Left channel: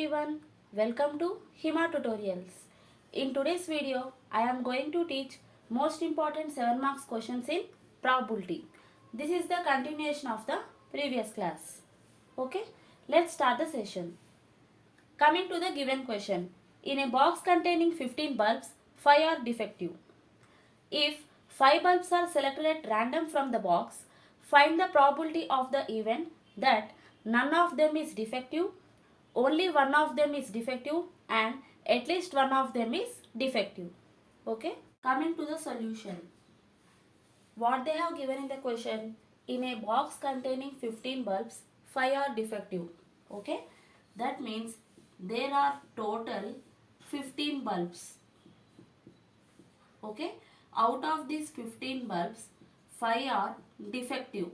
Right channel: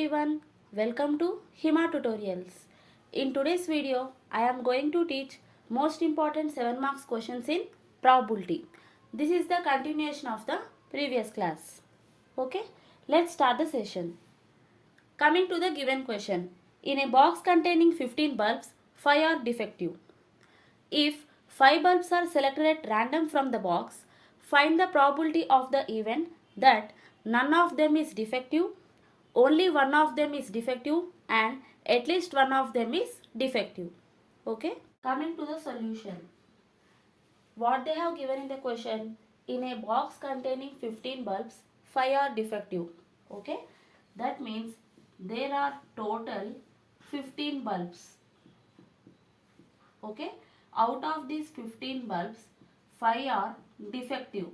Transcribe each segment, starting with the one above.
everyone, welcome to Hima Tutorials. In today's video, I am going to teach most important 7 marks questions in probability. This is the continuation of the previous class. Okay, let's start the session. Coming to the given question, in a box containing 15 bulbs, 5 are defective. If 5 bulbs are selected at random from the box, find the probability of the event that none of them is defective, only one of them is defective and at least one of them is defective. Okay. Coming to the solution. What they have given in the question, in a box containing 15 bulbs, 5 are defective. Okay. That means there are total 15 bulbs. Okay. Out of these 15 bulbs, 5 are defective.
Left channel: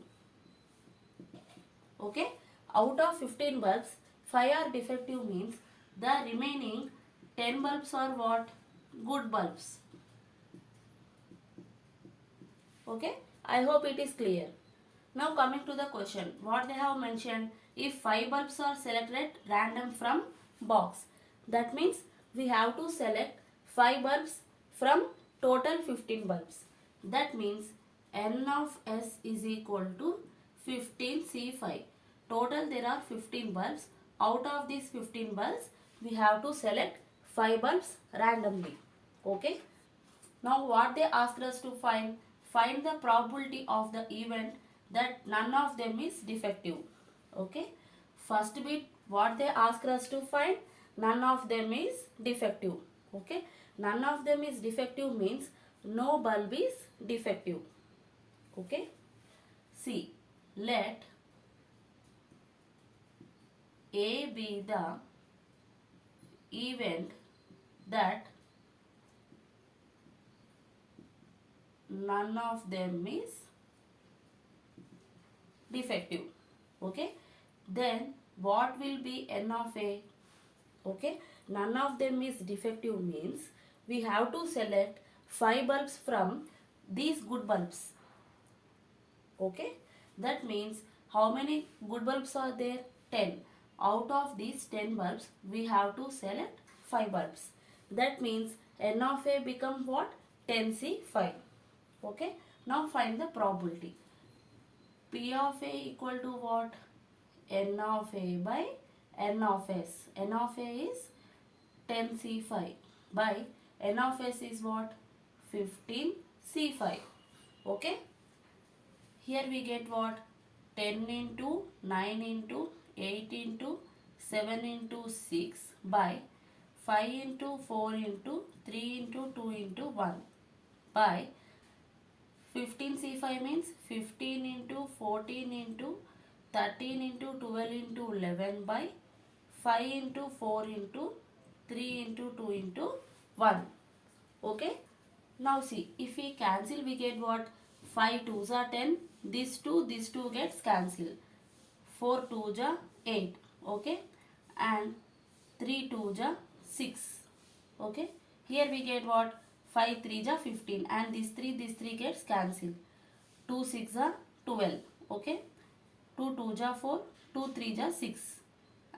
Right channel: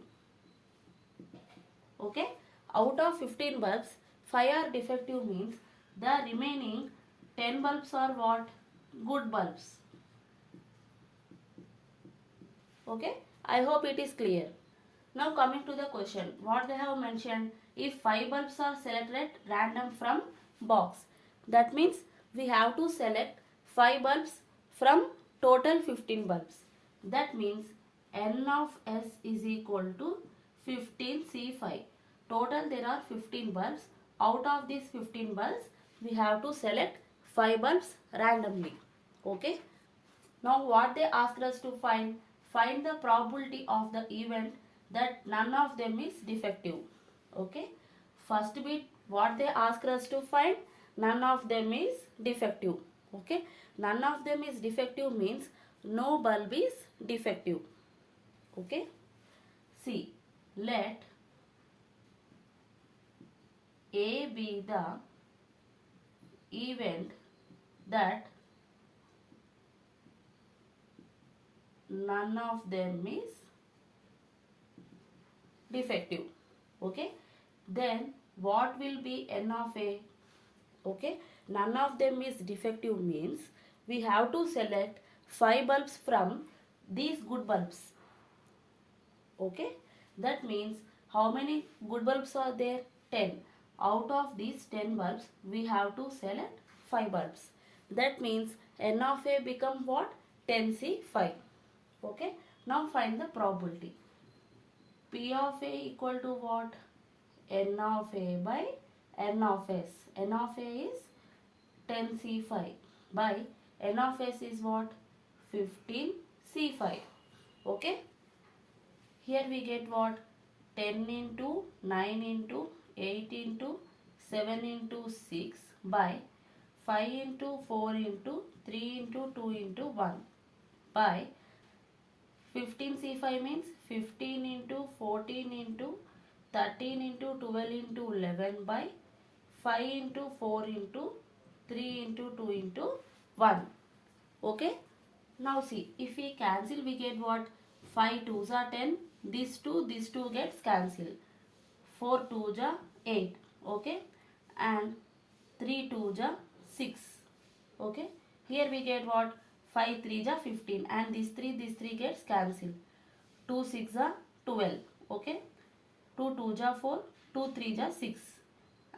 Okay. Out of 15 bulbs, 5 are defective means the remaining 10 bulbs are what? Good bulbs. Okay. I hope it is clear. Now coming to the question. What they have mentioned, if 5 bulbs are selected at random from box. That means we have to select 5 bulbs from total 15 bulbs. That means N of S is equal to 15C5. Total there are 15 bulbs. Out of these 15 bulbs, we have to select 5 bulbs randomly. Okay. Now what they asked us to find the probability of the event that none of them is defective. Okay. First bit, what they asked us to find, none of them is defective. Okay. None of them is defective means no bulb is defective. Okay. See, let A be the event that none of them is defective. Okay. Then what will be N of A? Okay. None of them is defective means we have to select 5 bulbs from these good bulbs. Okay. That means how many good bulbs are there? 10. Out of these 10 bulbs, we have to select 5 bulbs. That means N of A become what? 10C5. Okay. Now find the probability. P of A equal to what? N of A by N of S. N of A is 10C5 by N of S is what? 15C5. Okay. Here we get what? 10 into 9 into 8 into 7 into 6 by 5 into 4 into 3 into 2 into 1 by 15C5 means 15 into 14 into 13 into 12 into 11 by 5 into 4 into 3 into 2 into 1. Okay. Now see, if we cancel, we get what? 5 2s are 10. This 2 gets cancelled. 4 2s are 8. Okay. And 3 2s are 6. Okay. Here we get what? 5 3s are 15. And this 3 gets cancelled. 2 6 are 12. Okay. 2 2s are 4. 2 3s are 6.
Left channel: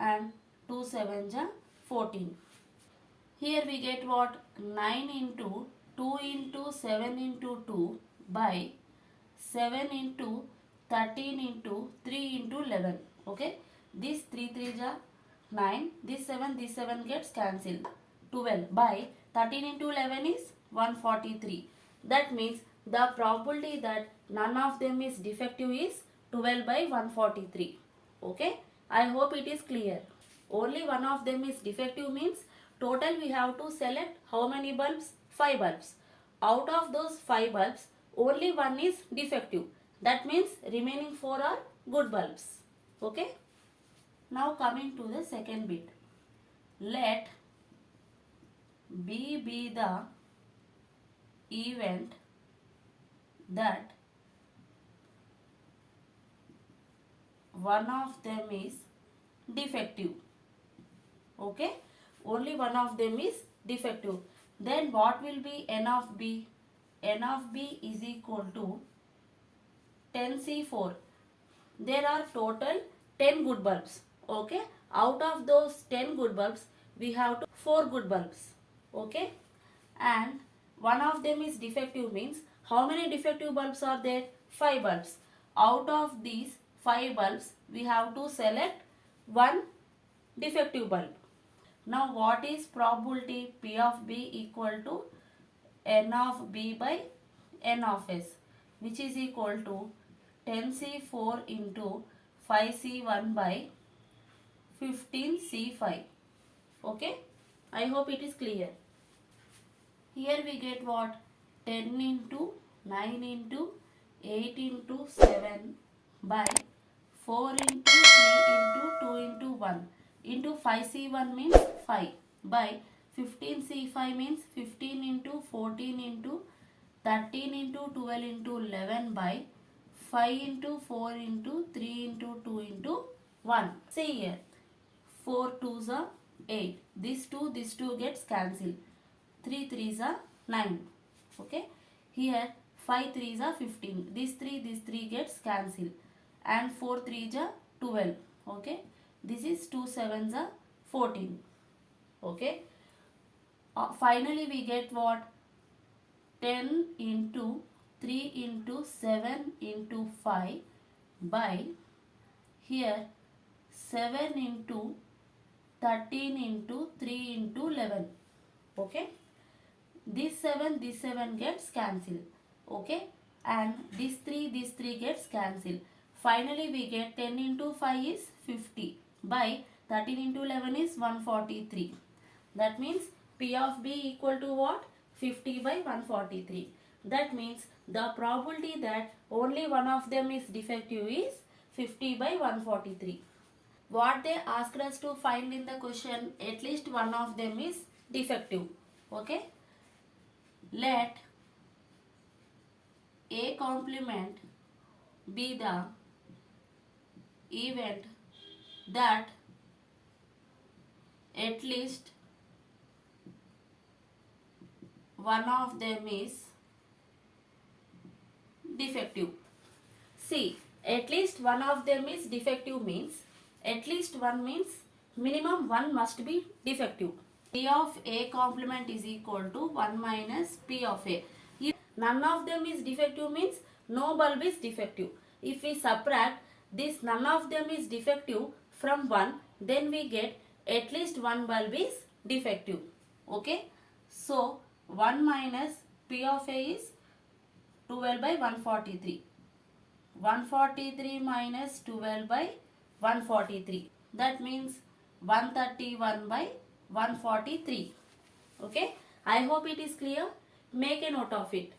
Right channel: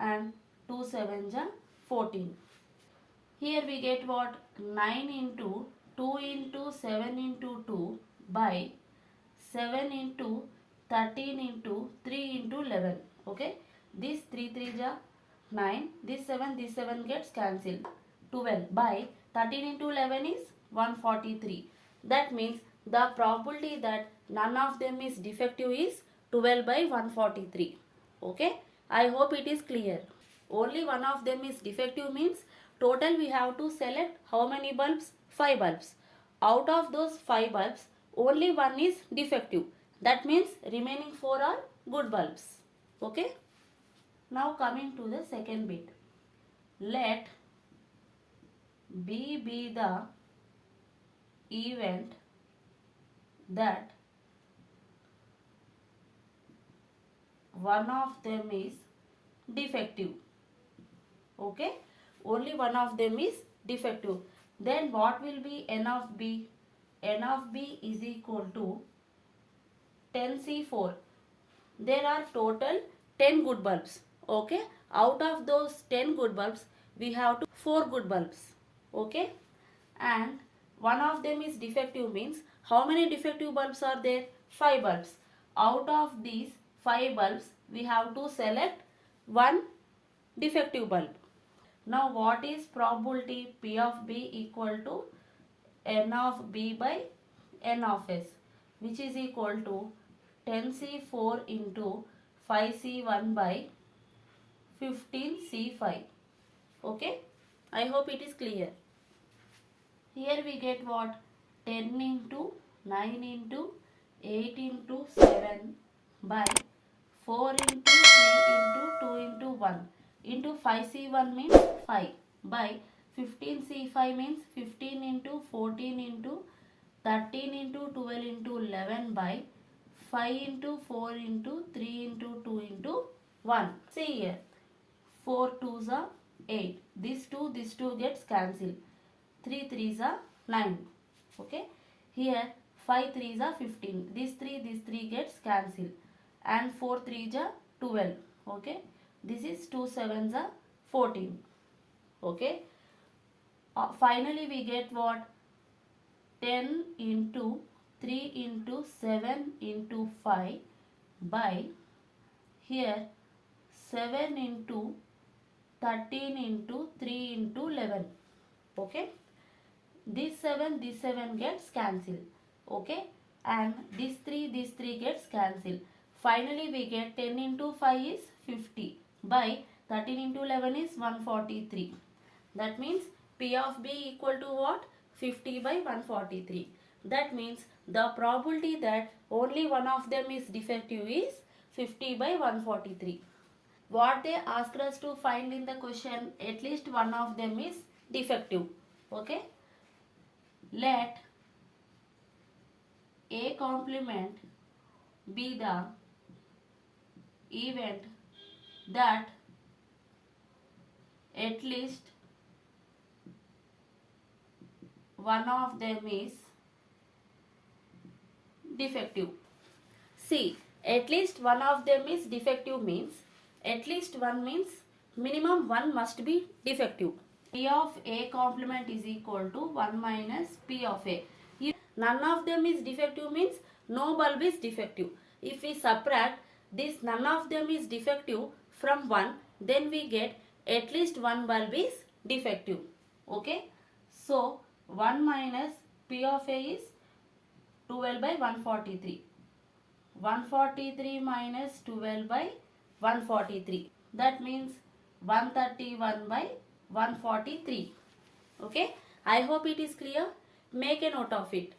And 2 7s are 14. Here we get what? 9 into 2 into 7 into 2 by 7 into 13 into 3 into 11. Okay. This 3 3s are 9. This 7 gets cancelled. 12 by 13 into 11 is 143. That means the probability that none of them is defective is 12 by 143. Okay. I hope it is clear. Only one of them is defective means total we have to select how many bulbs? 5 bulbs. Out of those 5 bulbs, only one is defective. That means remaining 4 are good bulbs. Okay. Now coming to the second bit. Let B be the event that one of them is defective. Okay. Only one of them is defective. Then what will be N of B? N of B is equal to 10C4. There are total 10 good bulbs. Okay. out of those 10 good bulbs, we have 4 good bulbs. Okay? And one of them is defective means how many defective bulbs are there? 5 bulbs. Out of these 5 bulbs, we have to select one defective bulb. Now what is probability P of B equal to N of B by N of S, which is equal to 10C4 into 5C1 by 15C5. Okay? I hope it is clear. Here we get what? 10 into 9 into 8 into 7 by 4 into 3 into 2 into 1 into 5C1 means 5 by 15C5 means 15 into 14 into 13 into 12 into 11 by 5 into 4 into 3 into 2 into 1. See here. 4 2s are 8. This 2 gets cancelled. 3 3s are 9. Okay. Here 5 3s are 15. This 3 gets cancelled. And 4 3s are 12. Okay. This is 2 7s are 14. Okay. Finally we get what? 10 into 3 into 7 into 5 by here 7 into 13 into 3 into 11. Okay. This 7 gets cancelled. Okay. And this 3 gets cancelled. Finally we get 10 into 5 is 50 by 13 into 11 is 143. That means P of B equal to what? 50 by 143. That means the probability that only one of them is defective is 50 by 143. What they asked us to find in the question, at least one of them is defective. Okay. Let A complement be the event that at least one of them is defective. See, at least one of them is defective means, at least one means minimum one must be defective. P of A complement is equal to 1 minus P of A. If none of them is defective means no bulb is defective. If we subtract this none of them is defective from 1, then we get at least one bulb is defective. Okay. So 1 minus P of A is 12 by 143. 143 minus 12 by 143. That means 131 by 143. Okay. I hope it is clear. Make a note of it.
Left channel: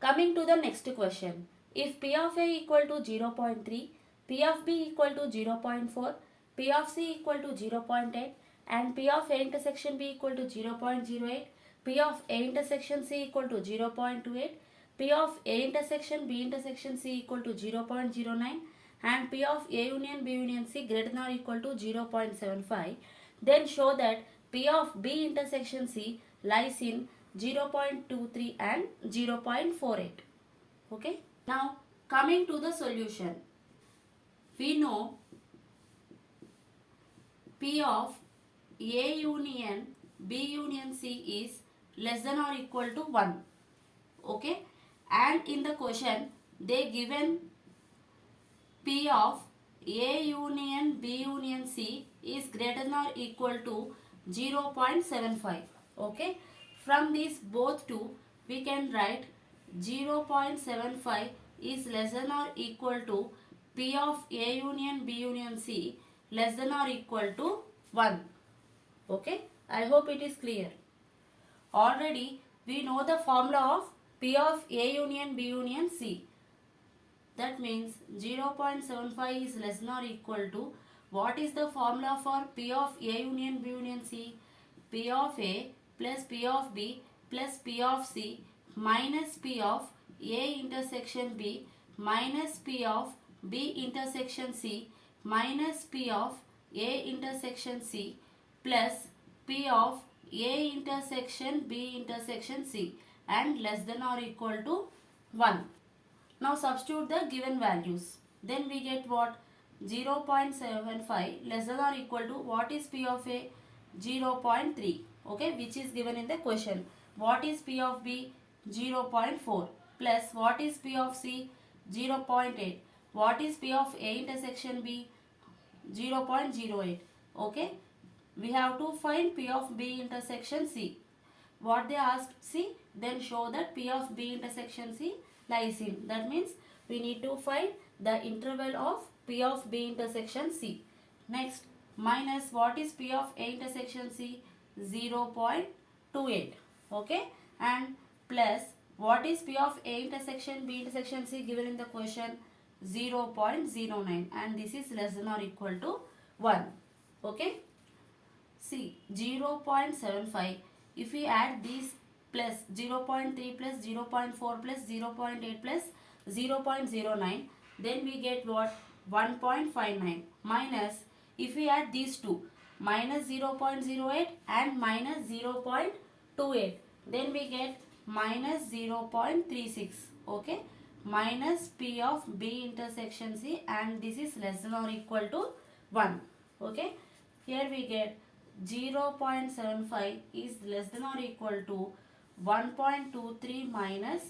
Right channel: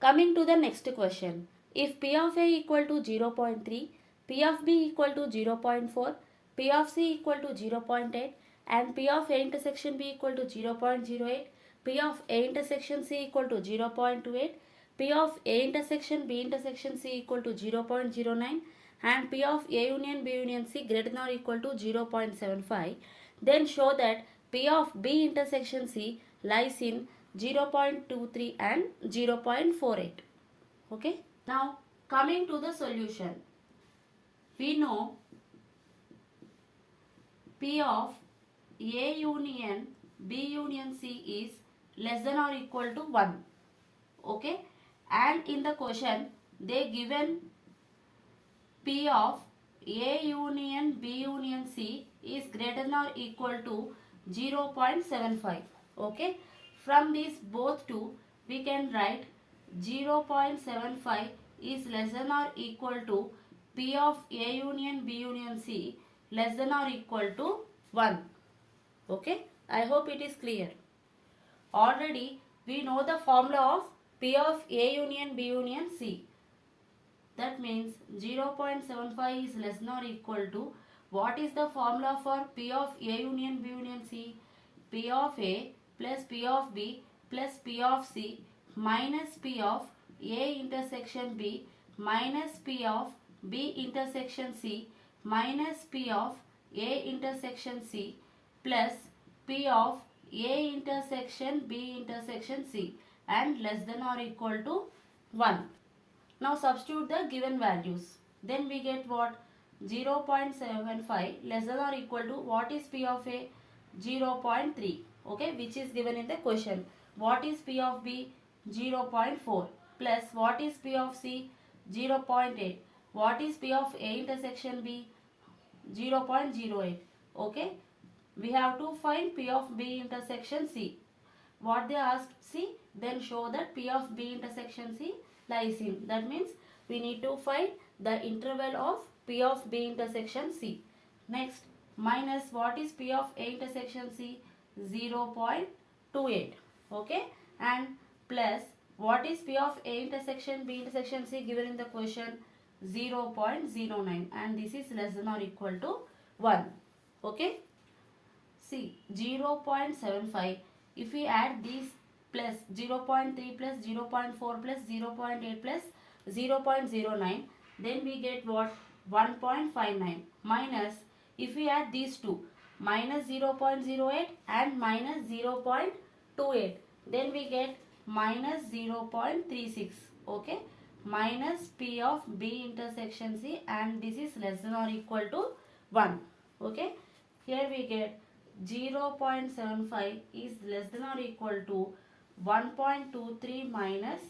Coming to the next question. If P of A equal to 0.3, P of B equal to 0.4, P of C equal to 0.8 and P of A intersection B equal to 0.08, P of A intersection C equal to 0.28, P of A intersection B intersection C equal to 0.09 and P of A union B union C greater than or equal to 0.75, then show that P of B intersection C lies in 0.23 and 0.48. Okay. Now coming to the solution. We know P of A union B union C is less than or equal to 1. Okay. And in the question they given P of A union B union C is greater than or equal to 0.75. Okay. From these both two we can write 0.75 is less than or equal to P of A union B union C less than or equal to 1. Okay. I hope it is clear. Already we know the formula of P of A union B union C. That means 0.75 is less than or equal to, what is the formula for P of A union B union C? P of A plus P of B plus P of C minus P of A intersection B minus P of B intersection C minus P of A intersection C plus P of A intersection B intersection C and less than or equal to 1. Now substitute the given values. then we get what? 0.75 less than or equal to what is P of A? 0.3, okay, which is given in the question. What is P of B? 0.4 plus what is P of C? 0.8. What is P of A intersection B? 0.08. Okay, we have to find P of B intersection C. What they asked C, then show that P of B intersection C lies in. That means we need to find the interval of P of B intersection C. Next, minus what is P of A intersection C? 0.28. Okay, and plus what is P of A intersection B intersection C given in the question? 0.09, and this is less than or equal to 1. Okay, see 0.75, if we add these plus 0.3 plus 0.4 plus 0.8 plus 0.09, then we get what? 1.59 minus, if we add these two, minus 0.08 and minus 0.28, then we get minus 0.36. Okay, minus P of B intersection C, and this is less than or equal to 1. Okay, here we get 0.75 is less than or equal to 1.23 minus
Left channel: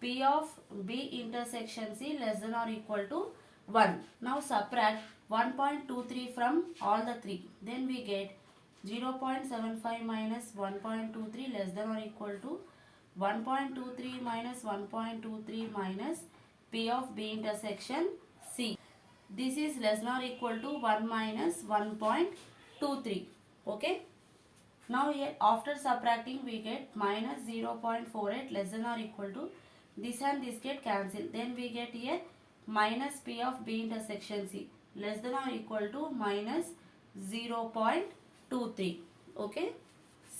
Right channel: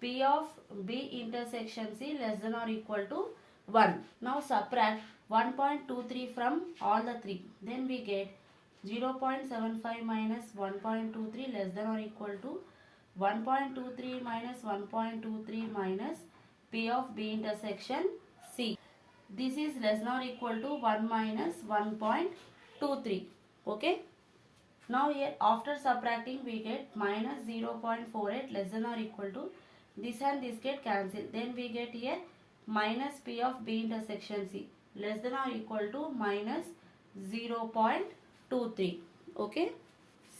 P of B intersection C less than or equal to 1. Now subtract 1.23 from all the three. Then we get 0.75 minus 1.23 less than or equal to 1.23 minus 1.23 minus P of B intersection C. This is less than or equal to 1 minus 1.23. Okay. Now here after subtracting we get minus 0.48 less than or equal to, this and this get cancelled. Then we get here minus P of B intersection C less than or equal to minus 0.23. Okay.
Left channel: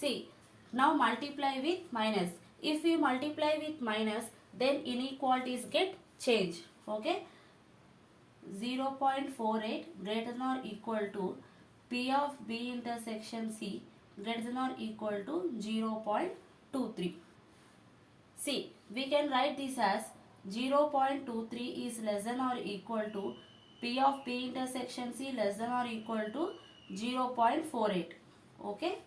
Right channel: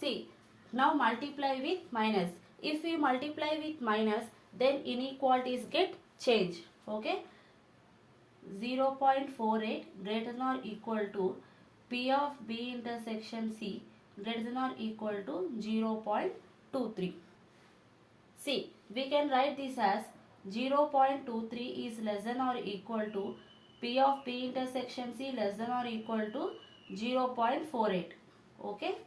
See, now multiply with minus. If we multiply with minus, then inequalities get changed. Okay. 0.48 greater than or equal to P of B intersection C greater than or equal to 0.23. See, we can write this as 0.23 is less than or equal to P of B intersection C less than or equal to 0.48. Okay.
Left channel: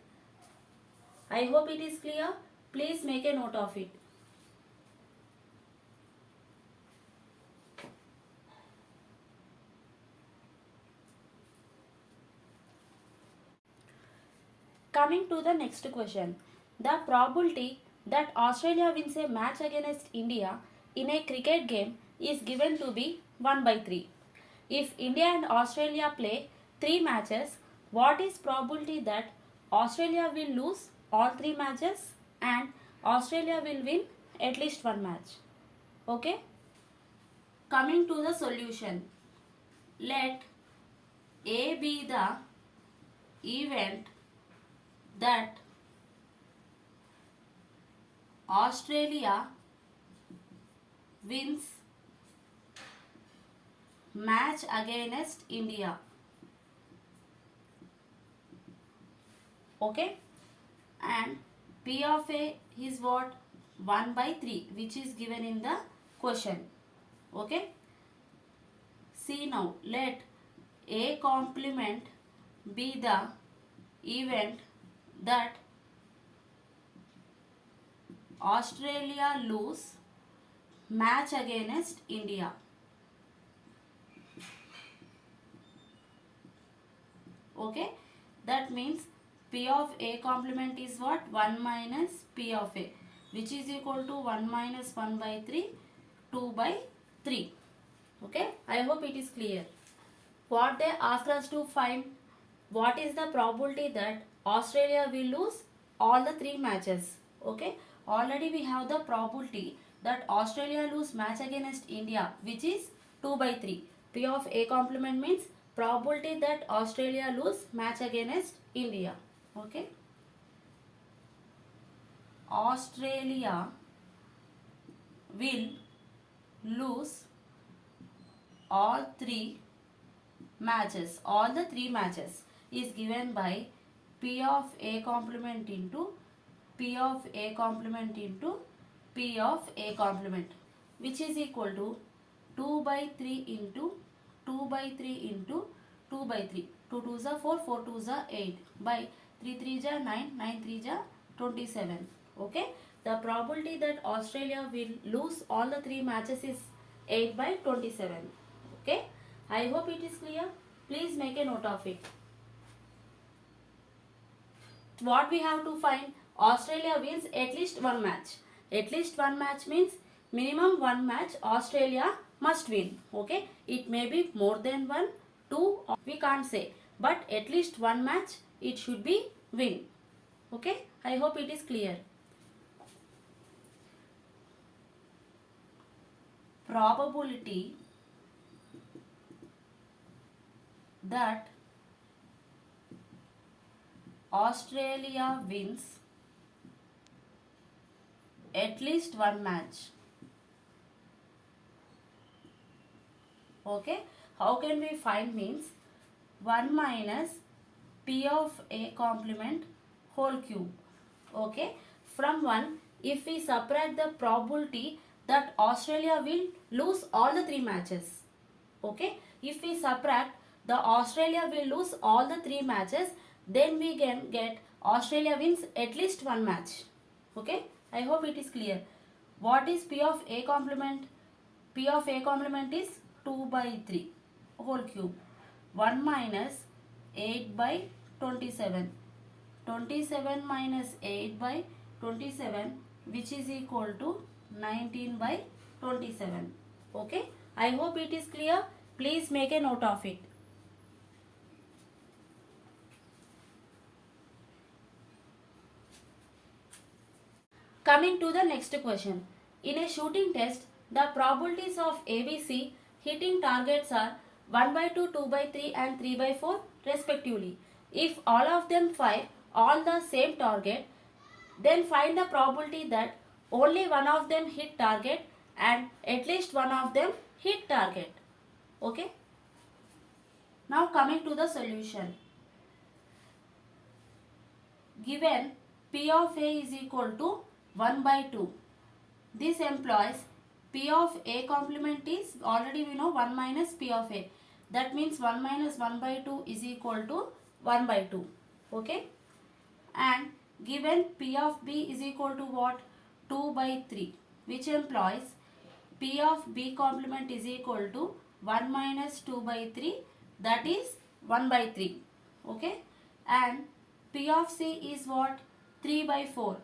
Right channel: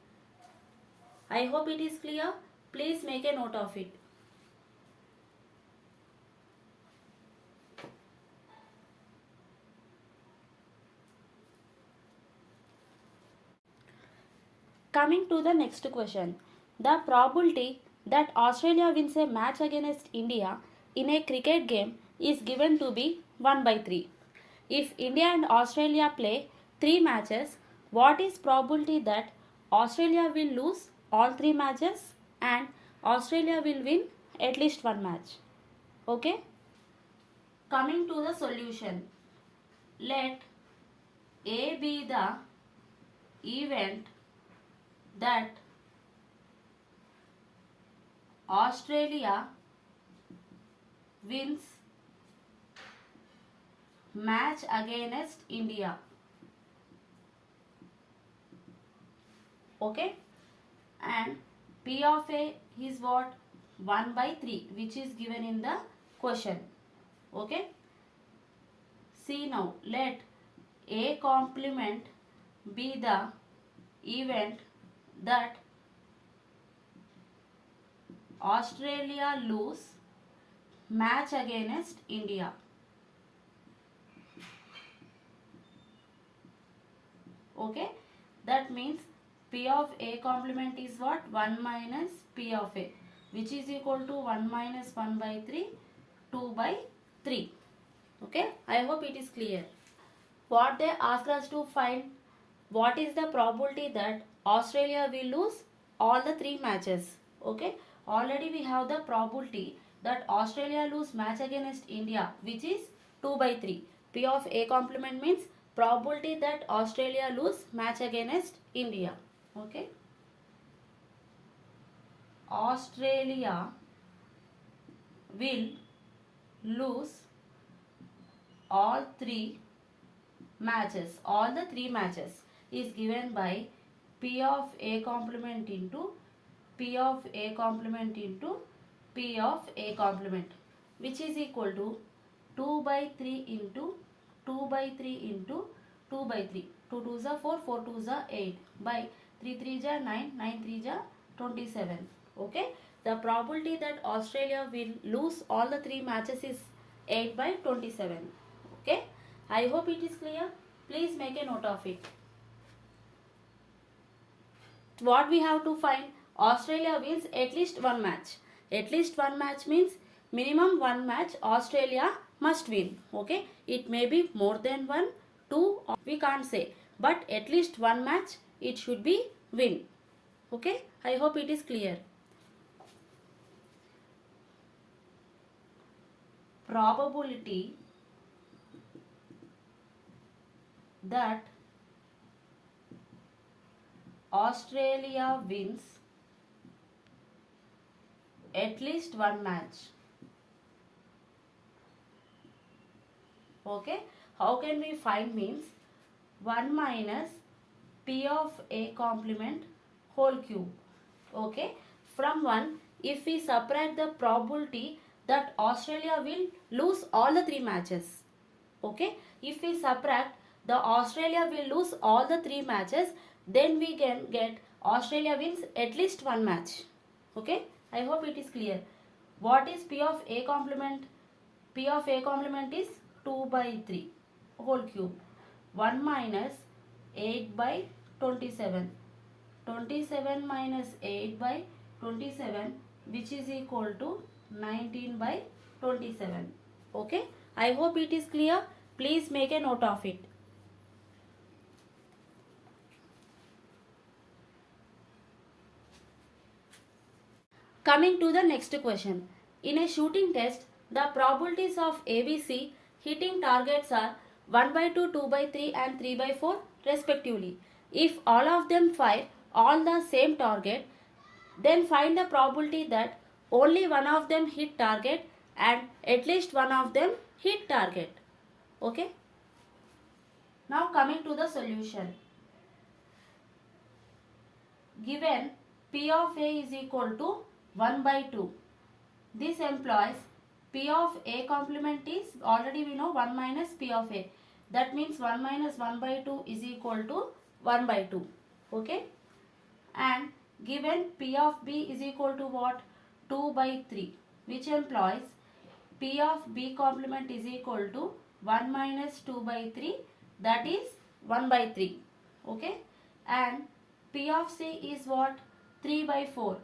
I hope it is clear. Please make a note of it. Coming to the next question. The probability that Australia wins a match against India in a cricket game is given to be 1 by 3. If India and Australia play 3 matches, what is probability that Australia will lose all 3 matches and Australia will win at least 1 match? Okay. Coming to the solution. Let A be the event that Australia wins match against India. Okay, and P of A is what? 1 by 3, which is given in the question. Okay, see now, let A complement be the event that Australia lose match against India. Okay, that means P of A complement is what? 1 minus P of A, which is equal to 1 minus 1 by 3, 2 by 3. Okay, I hope it is clear. What they asked us to find, what is the probability that Australia will lose all the 3 matches. Okay, already we have the probability that Australia lose match against India, which is 2 by 3. P of A complement means probability that Australia lose match against India. Okay, Australia will lose all 3 matches. All the 3 matches is given by P of A complement into P of A complement into P of A complement, which is equal to 2 by 3 into 2 by 3 into 2 by 3. 2 2s are 4, 4 2s are 8 by 3 3s are 9, 9 3s are 27. Okay. The probability that Australia will lose all the 3 matches is 8 by 27. Okay. I hope it is clear. Please make a note of it. What we have to find? Australia wins at least one match. At least one match means minimum one match Australia must win. Okay. It may be more than one, two, we can't say. But at least one match it should be win. Okay. I hope it is clear. Probability that Australia wins at least one match. Okay. How can we find? Means 1 minus P of A complement whole cube. Okay. From 1, if we subtract the probability that Australia will lose all the 3 matches. Okay. If we subtract the Australia will lose all the 3 matches, then we can get Australia wins at least one match. Okay. I hope it is clear. What is P of A complement? P of A complement is 2 by 3 whole cube. 1 minus 8 by 27. 27 minus 8 by 27, which is equal to 19 by 27. Okay. I hope it is clear. Please make a note of it. Coming to the next question. In a shooting test, the probabilities of ABC hitting targets are 1 by 2, 2 by 3 and 3 by 4 respectively. If all of them fire on the same target, then find the probability that only one of them hit target and at least one of them hit target. Okay. Now coming to the solution. Given P of A is equal to 1 by 2. This implies P of A complement is already we know 1 minus P of A. That means 1 minus 1 by 2 is equal to 1 by 2. Okay. And given P of B is equal to what? 2 by 3, which implies P of B complement is equal to 1 minus 2 by 3, that is 1 by 3. Okay. And P of C is what? 3 by 4.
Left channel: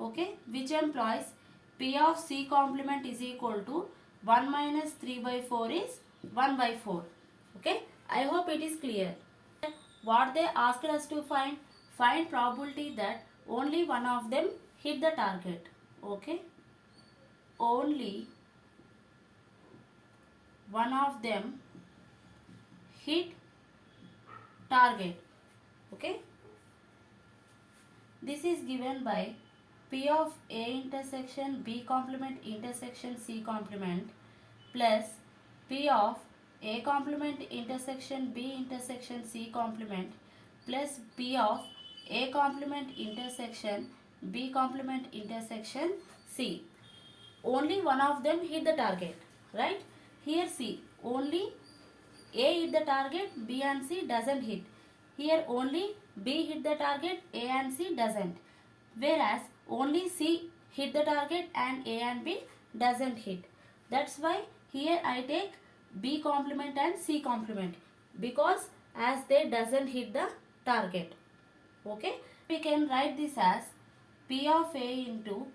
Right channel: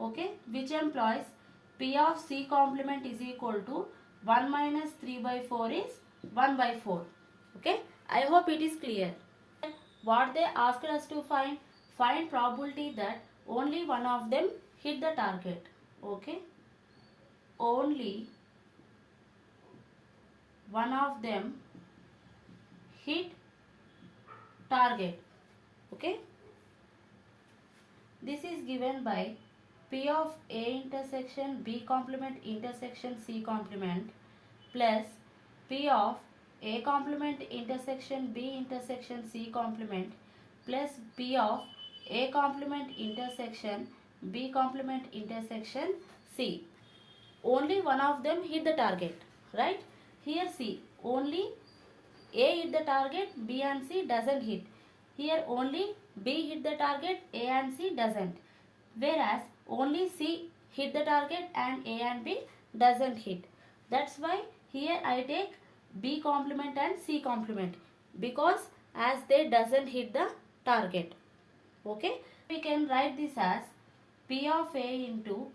Okay. Which implies P of C complement is equal to 1 minus 3 by 4 is 1 by 4. Okay. I hope it is clear. What they asked us to find? Find probability that only one of them hit the target. Okay. Only one of them hit target. Okay. This is given by P of A intersection B complement intersection C complement plus P of A complement intersection B intersection C complement plus P of A complement intersection B complement intersection C. Only one of them hit the target, right? Here C, only A hit the target, B and C doesn't hit. Here only B hit the target, A and C doesn't. Whereas only C hit the target and A and B doesn't hit. That's why here I take B complement and C complement, because as they doesn't hit the target. Okay. We can write this as P of A into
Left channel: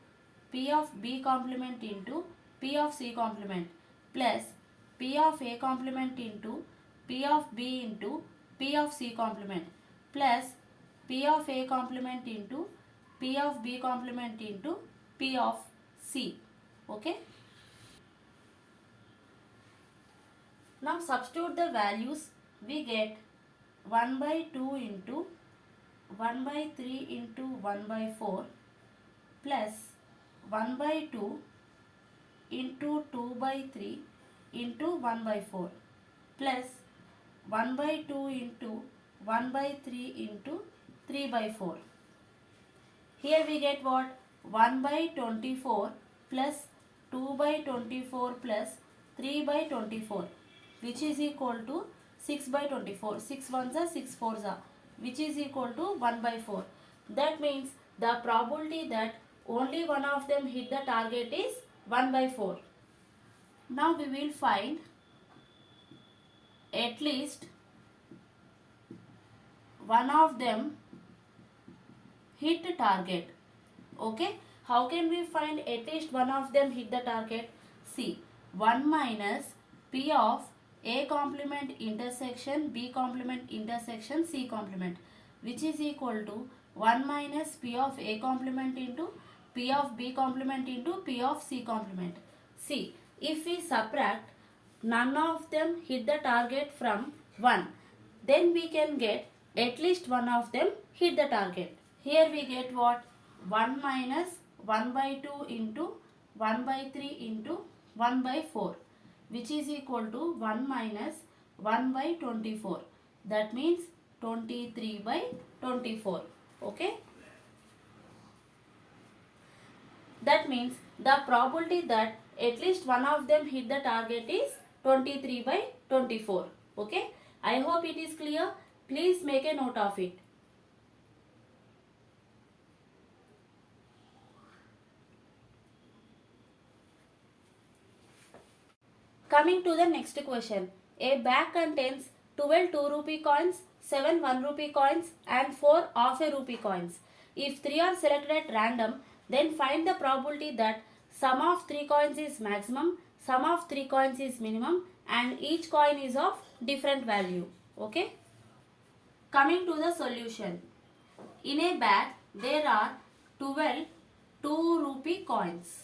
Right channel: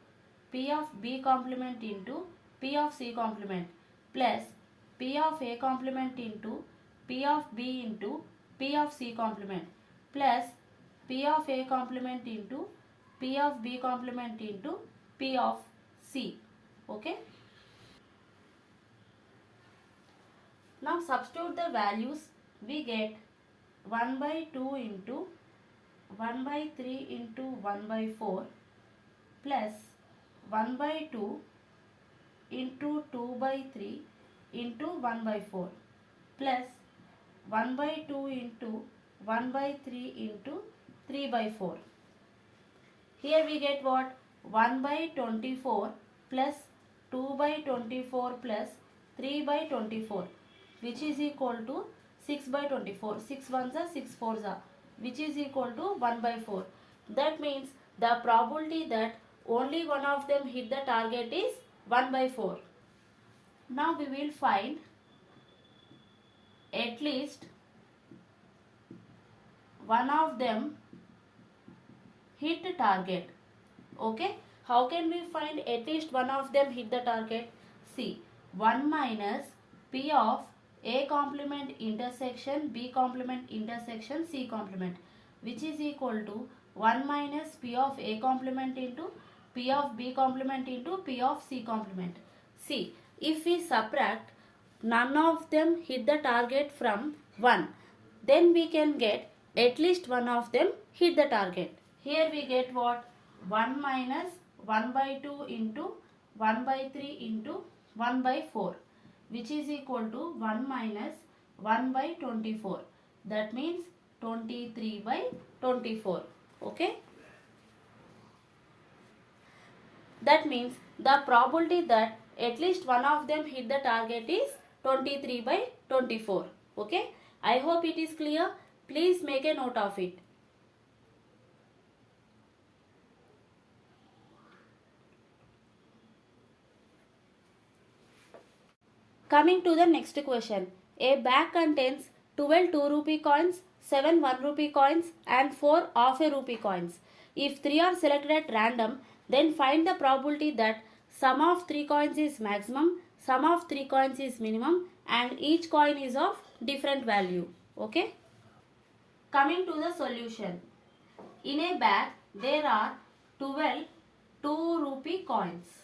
P of B complement into P of C complement plus P of A complement into P of B into P of C complement plus P of A complement into P of B complement into P of C. Okay. Now substitute the values. We get 1 by 2 into 1 by 3 into 1 by 4 plus 1 by 2 into 2 by 3 into 1 by 4 plus 1 by 2 into 1 by 3 into 3 by 4. Here we get what? 1 by 24 plus 2 by 24 plus 3 by 24, which is equal to 6 by 24. 6 ones are 6 fours are, which is equal to 1 by 4. That means the probability that only one of them hit the target is 1 by 4. Now we will find at least one of them hit target. Okay, how can we find at least one of them hit the target? See, 1 minus p of a complement intersection b complement intersection c complement, which is equal to 1 minus p of a complement into p of b complement into p of c complement. See, if we subtract none of them hit the target from 1, then we can get at least one of them hit the target. Here we get what? 1 minus 1 by 2 into 1 by 3 into 1 by 4, which is equal to 1 minus 1 by 24. That means 23 by 24. Okay. That means the probability that at least one of them hit the target is 23 by 24. Okay. I hope it is clear. Please make a note of it. Coming to the next question. A bag contains 12 2 rupee coins, 7 1 rupee coins and 4 half a rupee coins. If 3 are selected at random, then find the probability that sum of 3 coins is maximum, sum of 3 coins is minimum and each coin is of different value. Okay. Coming to the solution. In a bag, there are 12 2 rupee coins.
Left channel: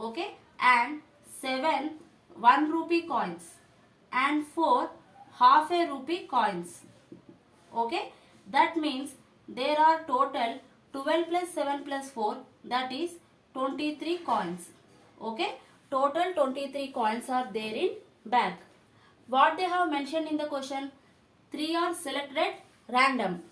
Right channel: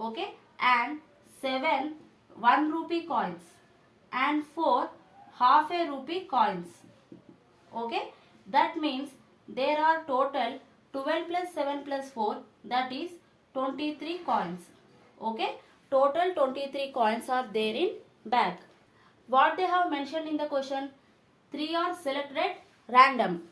Okay, and 7 1 rupee coins and 4 half a rupee coins. Okay, that means there are total 12 plus 7 plus 4, that is 23 coins. Okay, total 23 coins are there in bag. What they have mentioned in the question, 3 are selected random.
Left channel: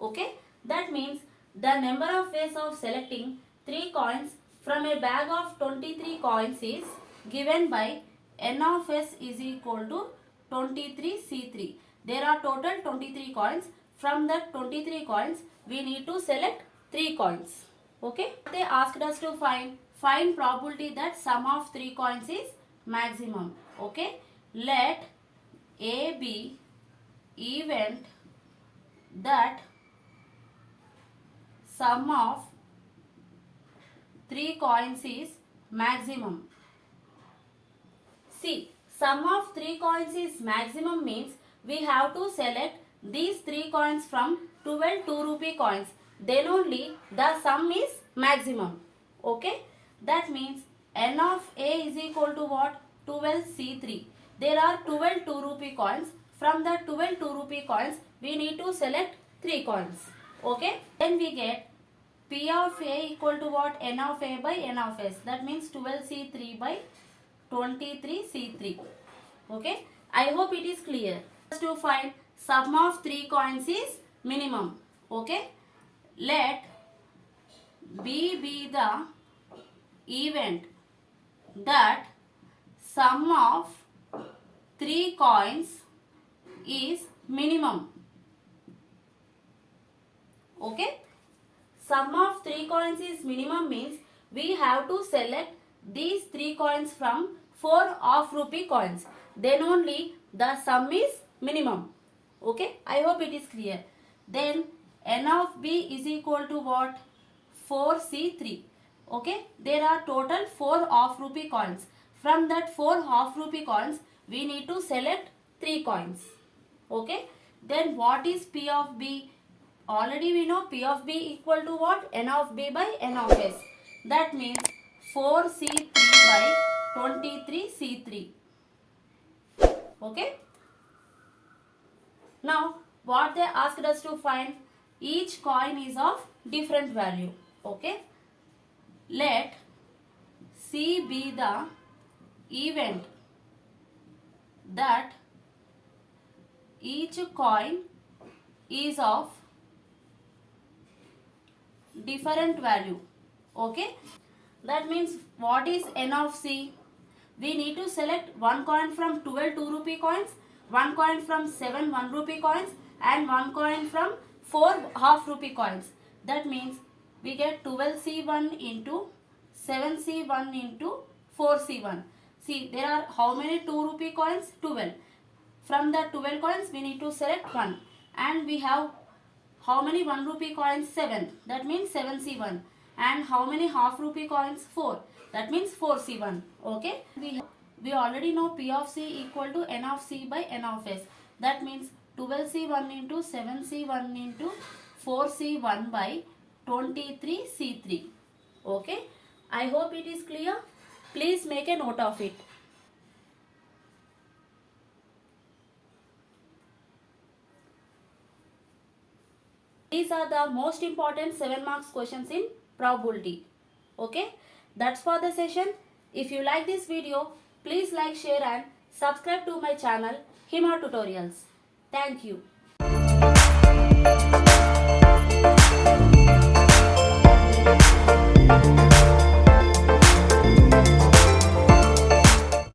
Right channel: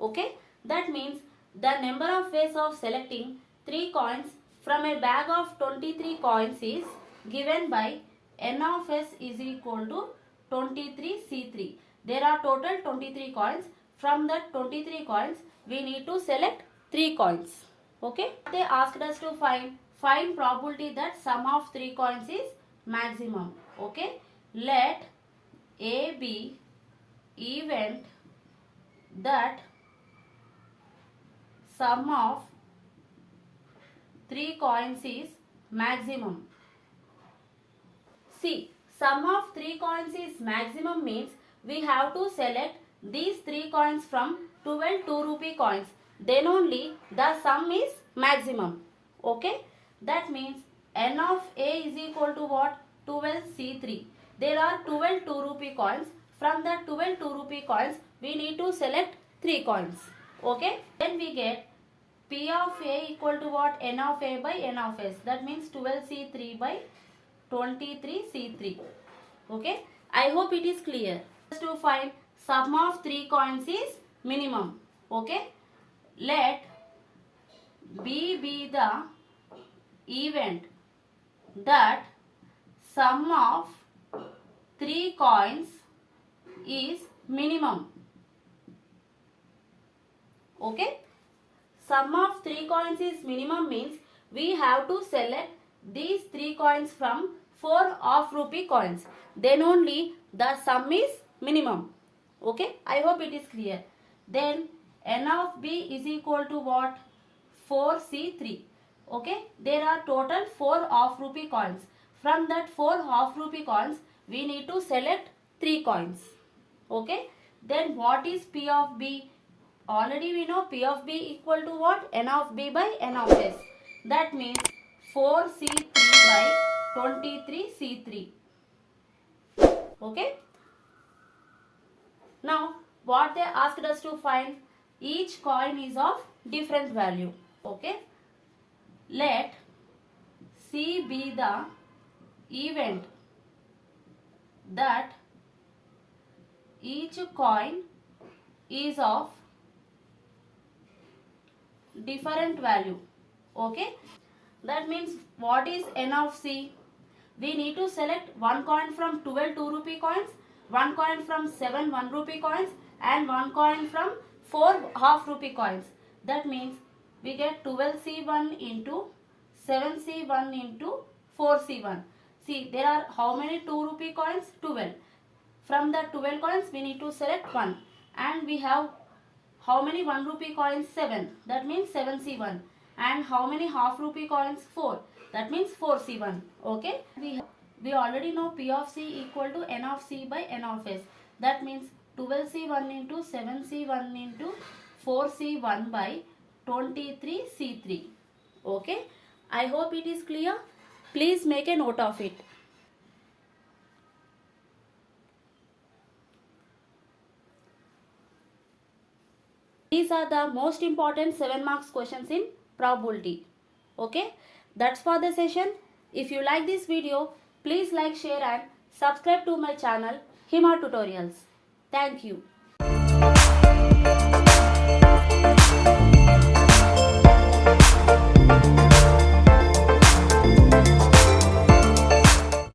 Okay, that means the number of ways of selecting 3 coins from a bag of 23 coins is given by n of s is equal to 23c3. There are total 23 coins. From that 23 coins, we need to select 3 coins. Okay, they asked us to find probability that sum of 3 coins is maximum. Okay, let A be event that sum of 3 coins is maximum. See, sum of 3 coins is maximum means we have to select these 3 coins from 12 2 rupee coins. Then only the sum is maximum. Okay, that means n of a is equal to what? 12c3. There are 12 2 rupee coins. From the 12 2 rupee coins, we need to select 3 coins. Okay, then we get P of a equal to what? N of a by n of s. That means 12c3 by 23c3. Okay, I hope it is clear. To find sum of 3 coins is minimum. Okay, let B be the event that sum of 3 coins is minimum. Okay, sum of 3 coins is minimum means we have to select these 3 coins from 4 half rupee coins. Then only the sum is minimum. Okay, I hope it is clear. Then n of b is equal to what? 4c3. Okay, there are total 4 half rupee coins. From that 4 half rupee coins, we need to select 3 coins. Okay, then what is p of b? Already we know p of b equal to what? N of b by n of s. That means 4c3 by 23c3. Okay. Now what they asked us to find, each coin is of different value. Okay. Let C be the event that each coin is of different value. Okay, that means what is n of c? we need to select one coin from 12 2 rupee coins, one coin from 7 1 rupee coins, and one coin from 4 half rupee coins. That means we get 12C1 into 7C1 into 4C1. See, there are how many 2 rupee coins? 12. From the 12 coins, we need to select one. And we have how many 1 rupee coins? 7. That means 7C1. And how many half rupee coins? 4. That means 4C1. Okay. We already know P of C equal to N of C by N of S. That means 12C1 into 7C1 into 4C1 by 23C3. Okay. I hope it is clear. Please make a note of it. These are the most important 7 marks questions in probability. Okay. That's for the session. If you like this video, please like, share and subscribe to my channel Hima Tutorials. Thank you.